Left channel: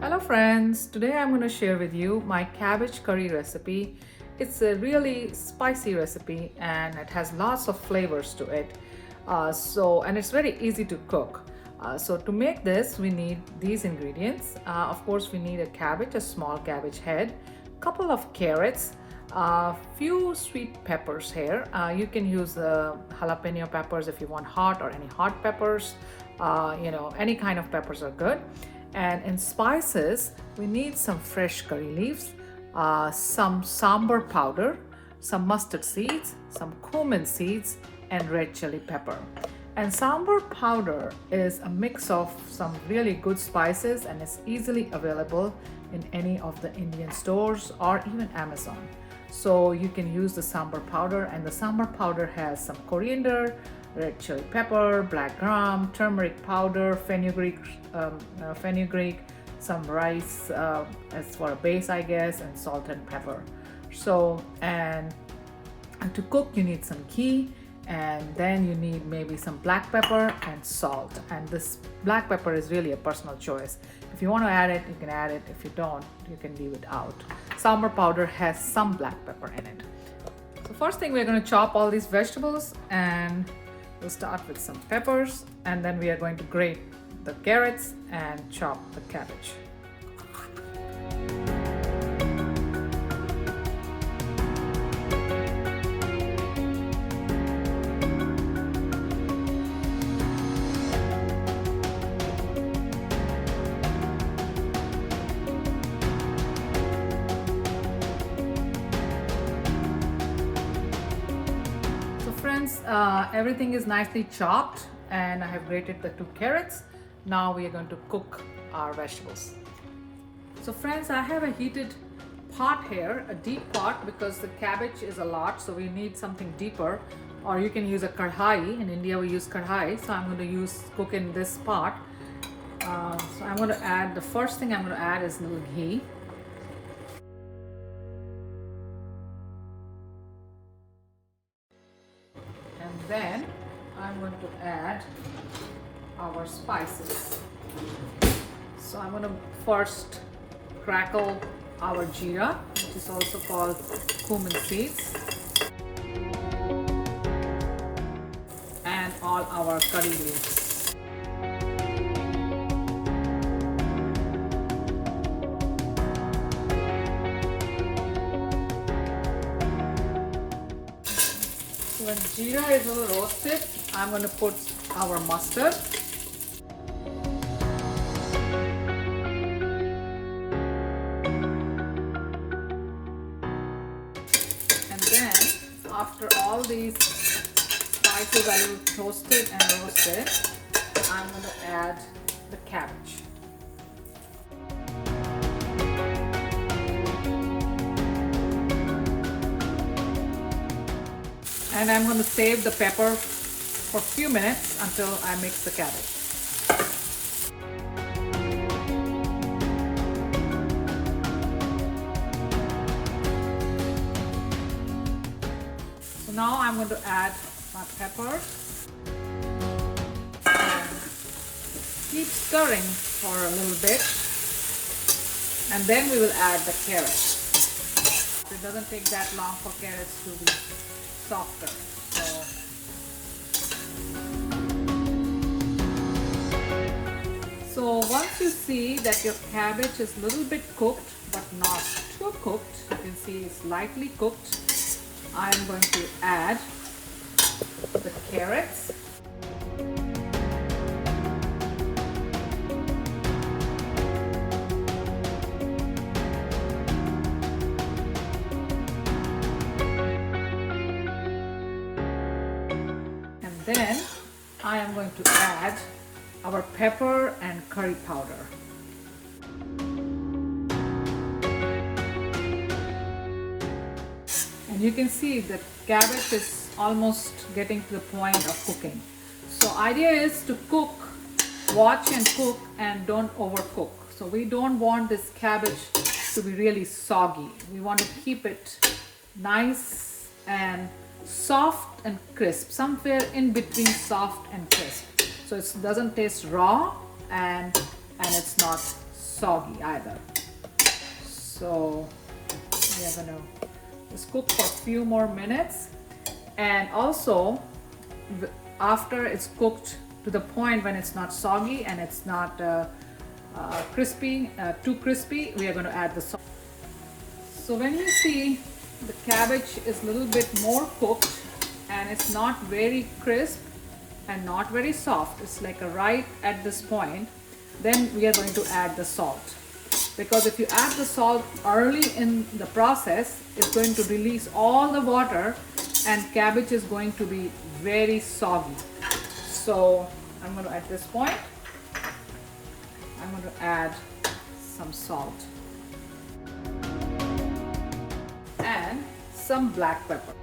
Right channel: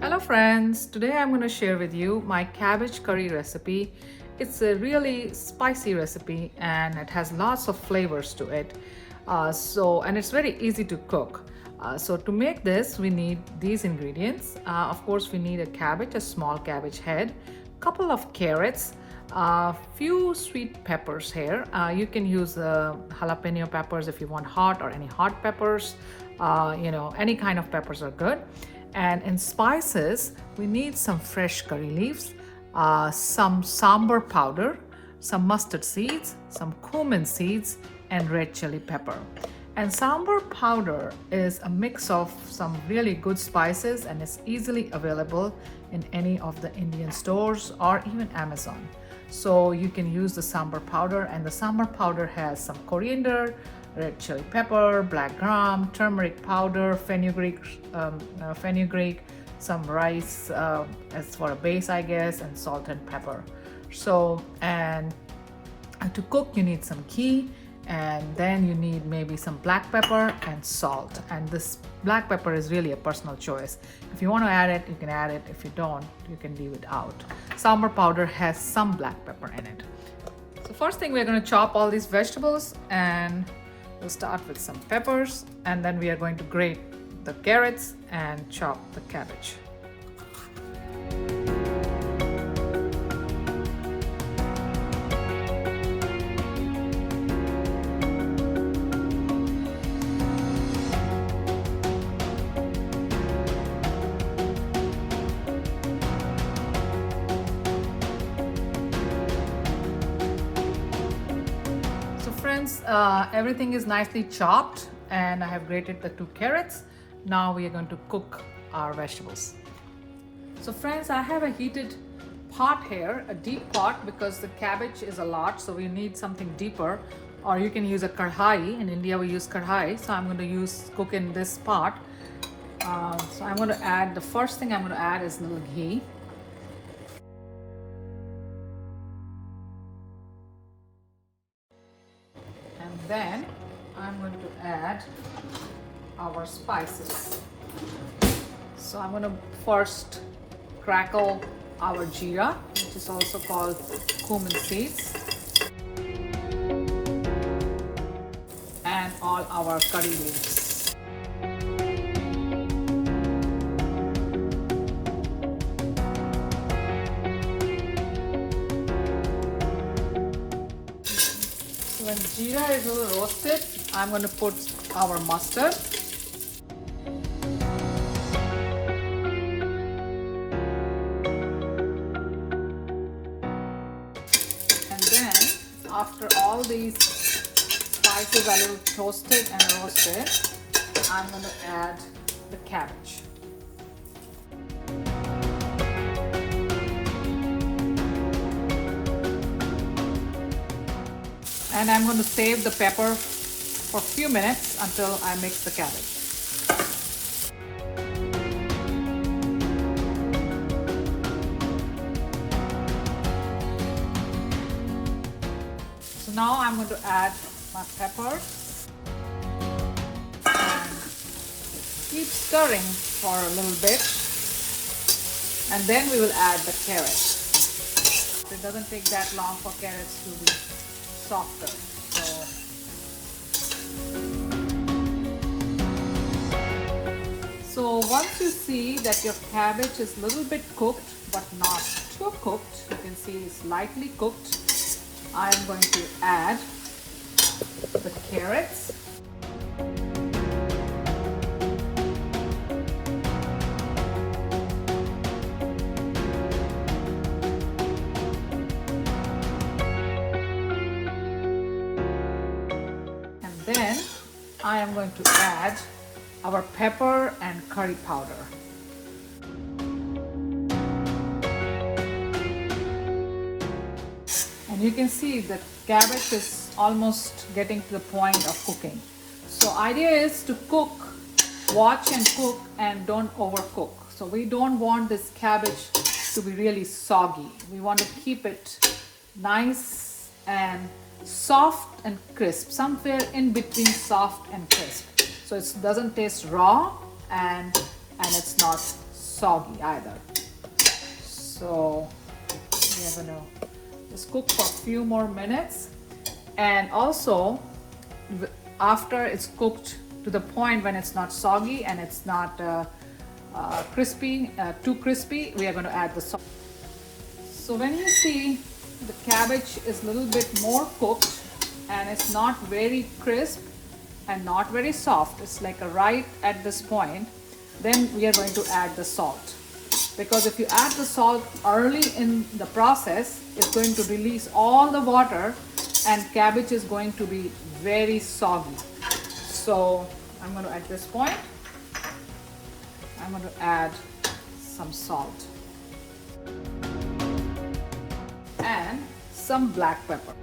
Hello friends, today I'm going to share with you my cabbage curry recipe. It's a really spicy recipe and it has lots of flavors to it. And it's very easy to cook. So to make this we need these ingredients. Of course we need a cabbage, a small cabbage head, couple of carrots, a few sweet peppers here. You can use jalapeno peppers if you want hot, or any hot peppers. Any kind of peppers are good. And in spices, we need some fresh curry leaves, some sambar powder, some mustard seeds, some cumin seeds, and red chili pepper. And sambar powder is a mix of some really good spices and is easily available in any of the Indian stores or even Amazon. So you can use the sambar powder, and the sambar powder has some coriander, red chili pepper, black gram, turmeric powder, fenugreek, some rice as for a base, I guess, and salt and pepper. So, and to cook you need some ghee, and then you need maybe some black pepper and salt. And this black pepper is really a personal choice. If you want to add it, you can add it. If you don't, you can leave it out. Sambar powder has some black pepper in it. So first thing, we're going to chop all these vegetables, and we'll start with some peppers, and then we are going to grate the carrots and chop the cabbage. Everything is nicely chopped, and I have grated the 2 carrots. Now we are going to cook our vegetables. So friends, I have a heated pot here, a deep pot, because the cabbage is a lot, so we need something deeper. Or you can use a karhai. In India we use karhai, so I'm going to cook in this pot. So I'm going to add, the first thing I'm going to add is a little ghee. Then I'm going to add our spices. So I'm going to first crackle our jeera, which is also called cumin seeds, and all our curry leaves. When jeera is a little roasted, I'm going to put our mustard. And then, after all these spices are a little toasted and roasted, I'm going to add the cabbage. And I'm going to save the pepper for a few minutes until I mix the cabbage. So now I'm going to add my pepper and keep stirring for a little bit, and then we will add the carrots. It doesn't take that long for carrots to be softer. So once you see that your cabbage is a little bit cooked but not too cooked, you can see it's lightly cooked, I am going to add the carrots. Then I am going to add our pepper and curry powder. And you can see that cabbage is almost getting to the point of cooking. So idea is to cook, watch and cook, and don't overcook. So we don't want this cabbage to be really soggy. We want to keep it nice and soft and crisp, somewhere in between soft and crisp. so it doesn't taste raw, and it's not soggy either. So we are gonna just cook for a few more minutes, and also after it's cooked to the point when it's not soggy and it's not too crispy, we are going to add the salt. So when you see the cabbage is a little bit more cooked and it's not very crisp and not very soft, it's like a right at this point, then we are going to add the salt. Because if you add the salt early in the process, it's going to release all the water and cabbage is going to be very soggy. So I'm going to, at this point, I'm going to add some salt and some black pepper.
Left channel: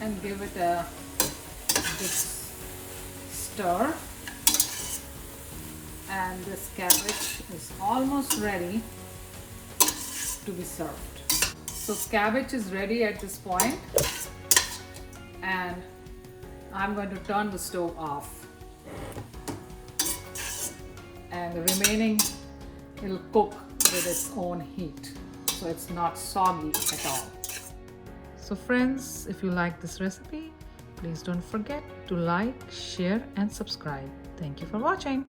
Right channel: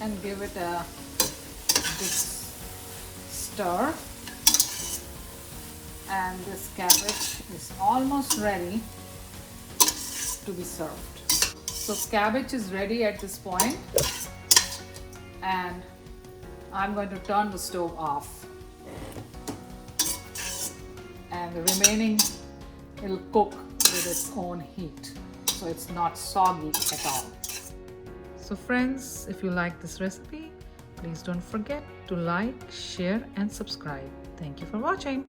And give it a good stir. And this cabbage is almost ready to be served. So cabbage is ready at this point, and I'm going to turn the stove off, and the remaining it'll cook with its own heat, so it's not soggy at all. So friends, if you like this recipe, please don't forget to like, share and subscribe. Thank you for watching.